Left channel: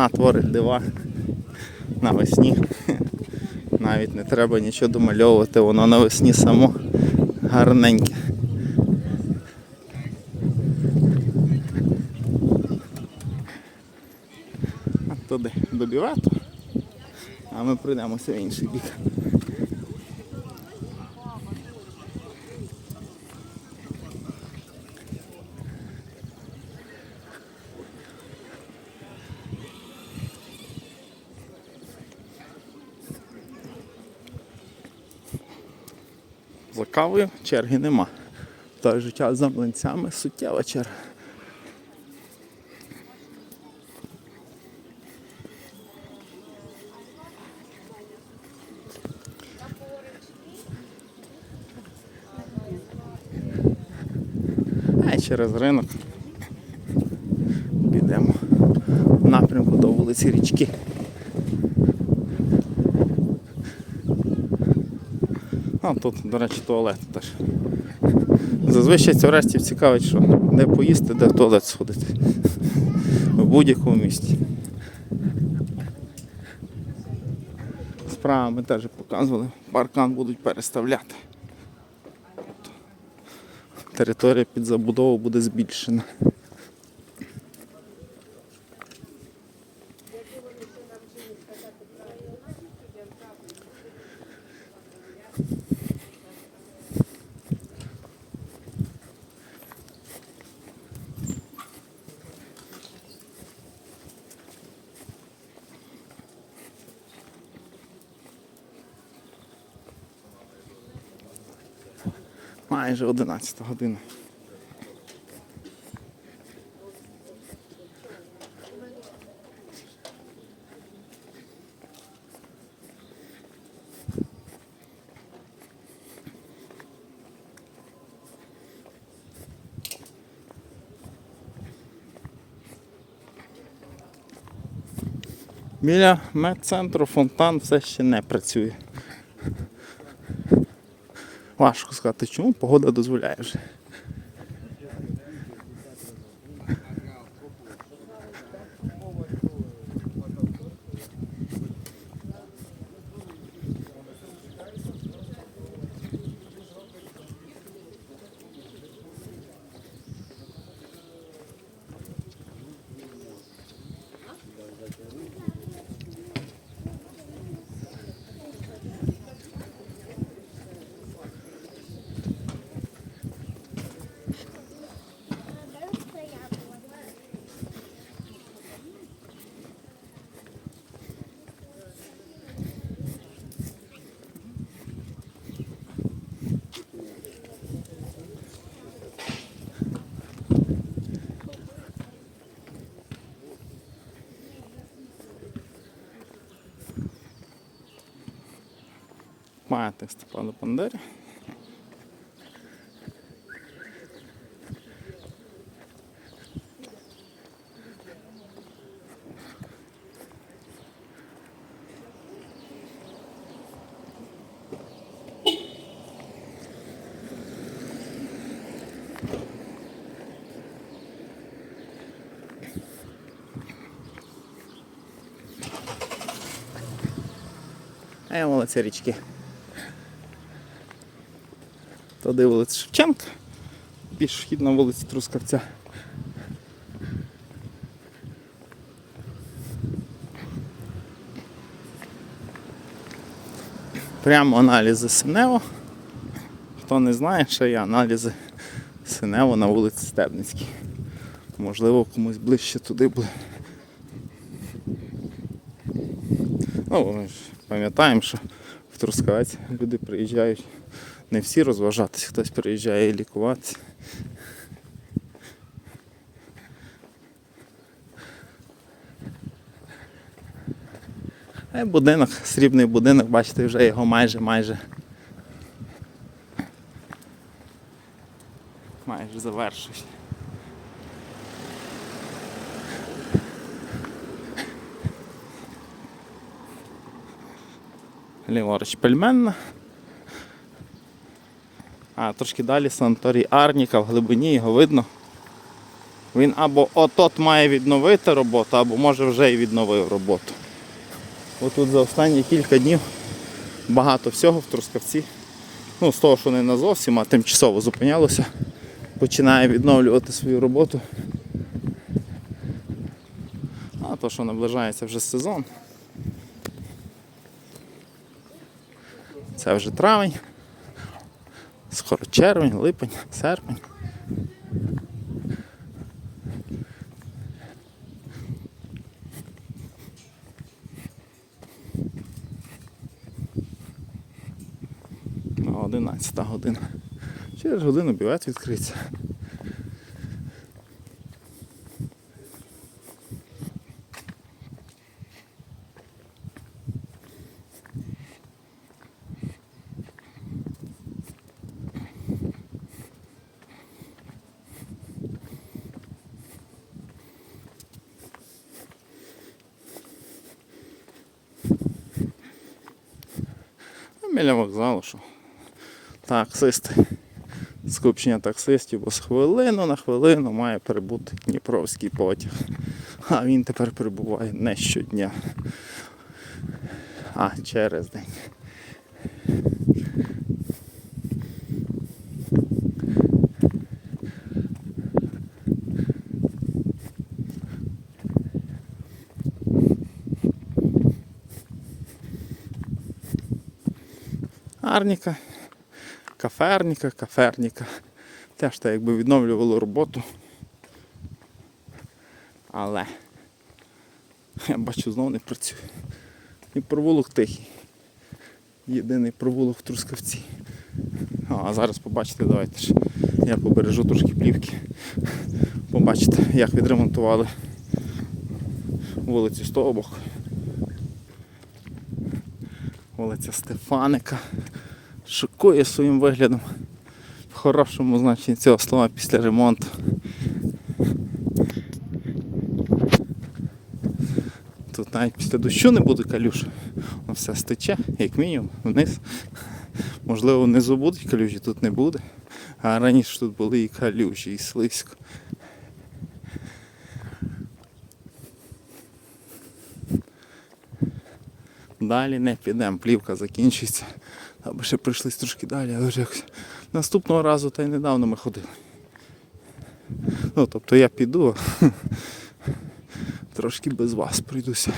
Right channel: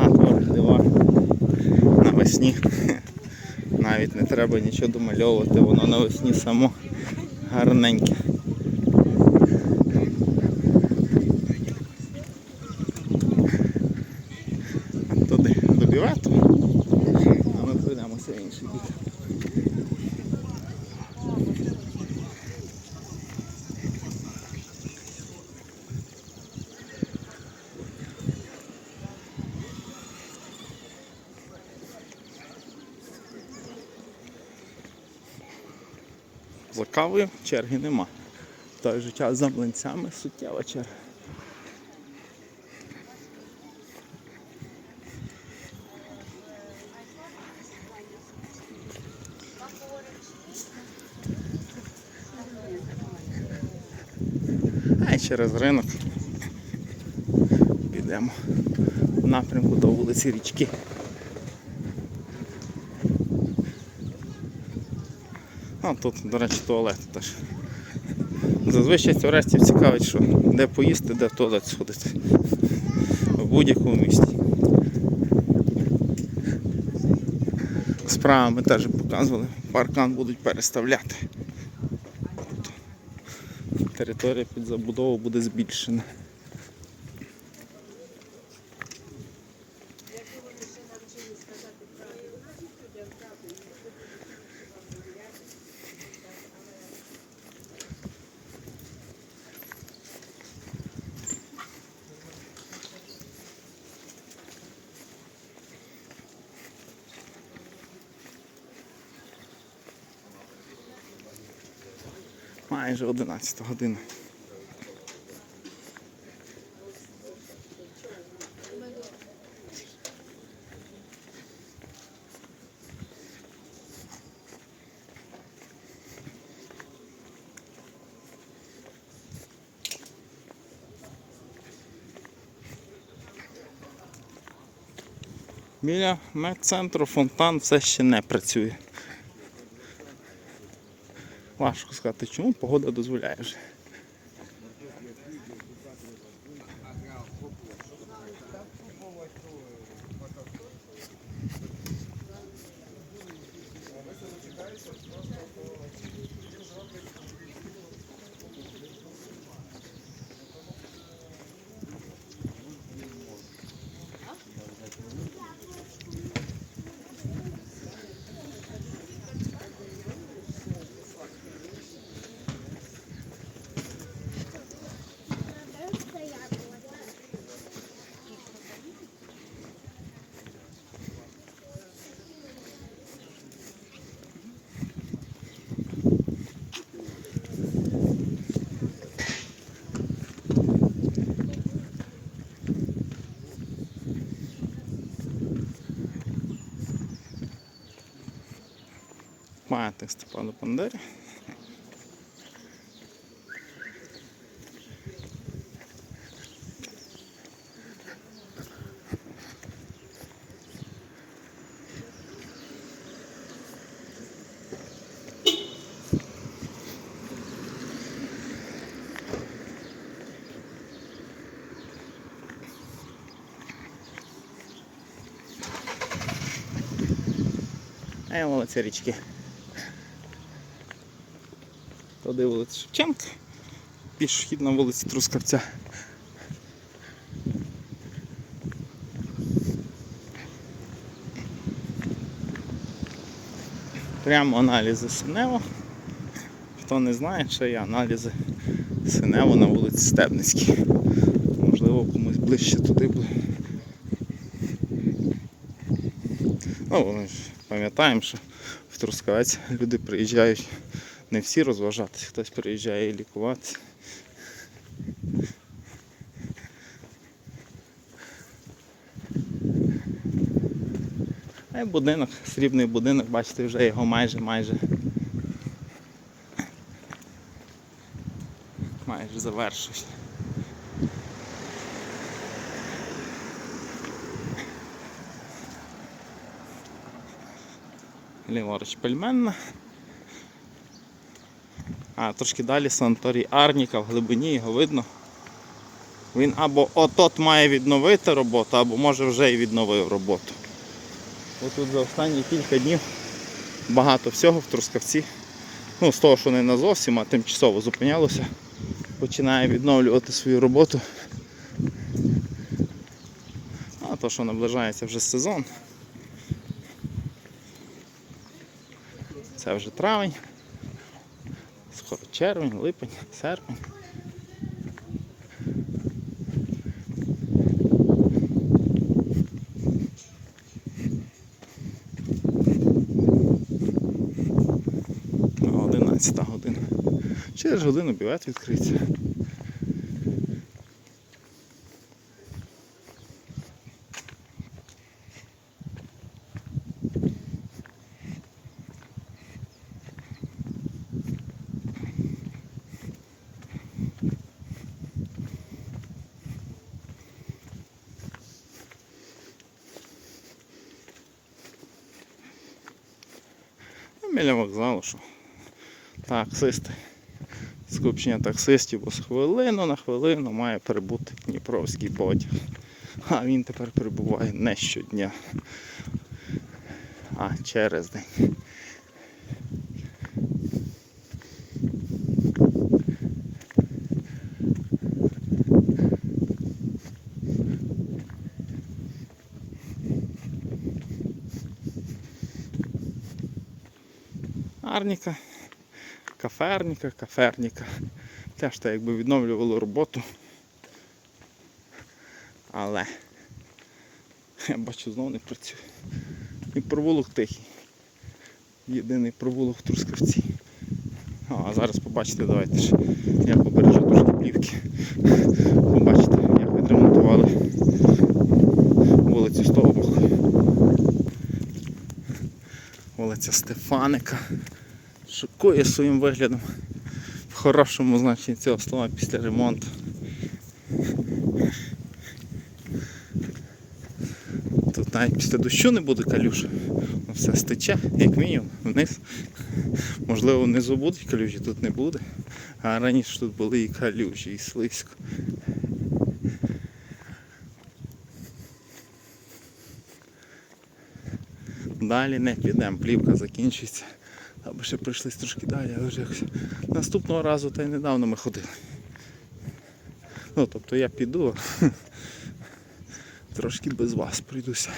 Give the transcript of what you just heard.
Весна творить дива. Навесні. Навіть не треба нічого домальовувати, воно навесні само гарненьке. Туди до бювету, а ми пройдемося в інший бік. За кавою черги нема. Же час за млинцями суттєва черга. А через ринок підемо в напрямку до вулиці Річки. А тут, до речі, туалет теж. Зазвичай туристів цікавить, що де поїсти, де в туалет сходити. В будь-якому місті. Справа ми теж показували, паркан будуть переставляти. Територія під забудову буде збільшена. Майже 11 година. Біля медцентру фонтан все ще не працює. Важко сказати, чому погода дозволяє вже. Пам'ятник Степану Бандері. А я вулиця річки. Туди вулиця Шевченка, більш вхід на вулиці Трускавця. Прямо аналізи Синево. Хто не знає, ще є аналізи Синево на вулиці Стебницькій. Можливо, комусь ближче туди буде. Ну, пам'ятаємо, що в Трускавець люди приїжджають не всі розважатися, хтось приїжджає і лікуватися. А будинок, срібний будинок, бачите, вже його майже майже. Майже завершують. Ліворуч пельменна. А трошки далі санаторій Арніка, в глибині його видно. Він або от-от має відновити роботу, або може вже і відновив роботу. Отут за останні кілька днів багато всього в Трускавці. Ну, з того, що не на зовсім, а тимчасово зупинялося, починає відновлювати свою роботу. А то, що наближається вже сезон. Це вже травень, скоро червень, липень, серпень. Одинадцята 11 година. Через годину бівець відкриється. Біля вокзалу, що таксисти. Скупчення таксистів, бо з хвилину на хвилину має прибути Дніпровський потяг. А він тепер прибуває не щодня, а через день. Арніка, каферніка, каферніка. Теж так якби відновлювало роботу. Але я бачу знову не працює. І провулок тихий. Єдиний провулок в Трускавці. А зараз побачите, давайте ж я побережу трошки плівки. Побачите, як відремонтували вулицю з того боку. Вулиця Стефаника. Шокує своїм виглядом. В хорошому значенні цього слова після ремонту. Тут навіть після дощу не буде калюш. Все стече, як мінімум, вниз. Можливо, внизу будуть калюжі, тут не буде. А раніше тут були і калюжі, і слизько. Далі не підемо, плівка закінчиться. Аби ще прийшлись трошки далі, але якось. Наступного разу та й недавно ми ходили. Ну, тобто я піду, трошки без вас прийдуся.